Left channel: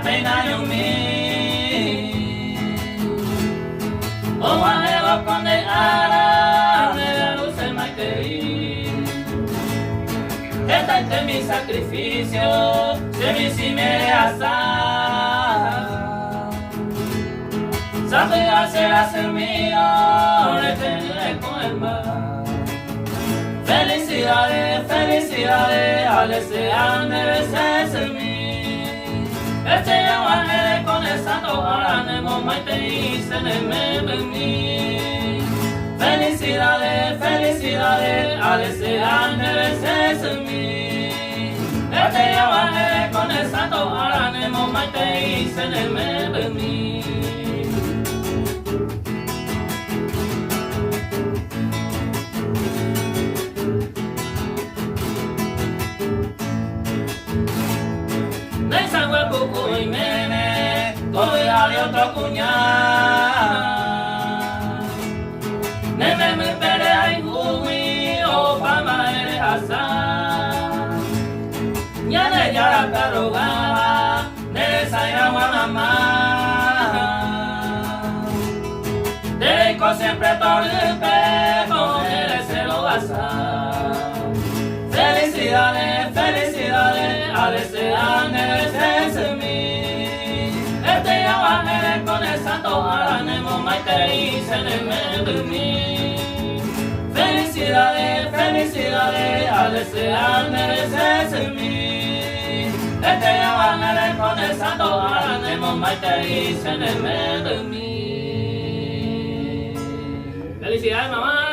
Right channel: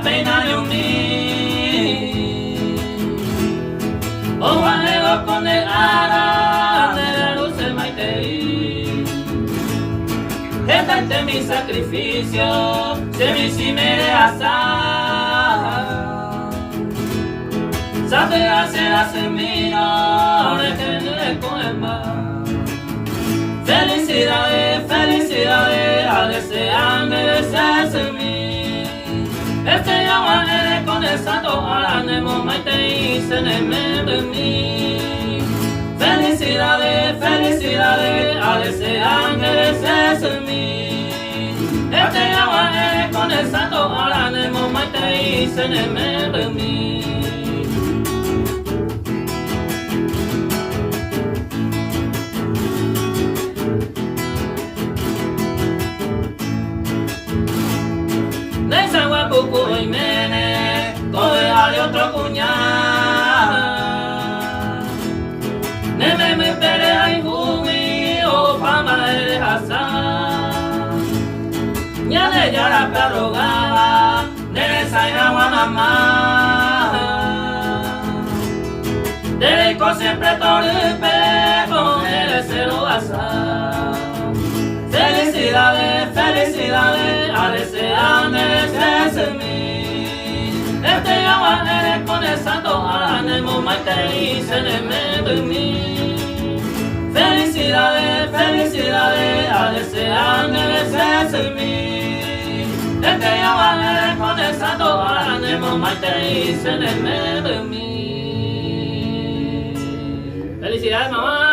pena yumi Owanelo konde ara Nera luce maiteri Esta mi sacrificio Se mi si mere asa Sabe hacer mío Retenerle con el mar Felicidades, felicidades A desear merecerse en mí Este llama eres con el santo Ahora nemo maite y se neme de mí Felicidades, felicidades A desear merecerse en mí Este llama eres con el santo Ahora nemo maite y se neme de mí Puku y mene, coge ale otro cuñado. Neme me pere ay humi, o pama ere asa. Nyale yara perrugaba, nere saya mamá. Derecho siempre torpe, con el cero asa. Felicidades, felicidades, a desear merecerse en mí. Este llama eres con el santo ánimo, maite y se neme de mí. Felicidades, felicidades, a desear merecerse en mí. Este llama eres con el santo ánimo, maite y se neme de mí. Felicidades, mamá.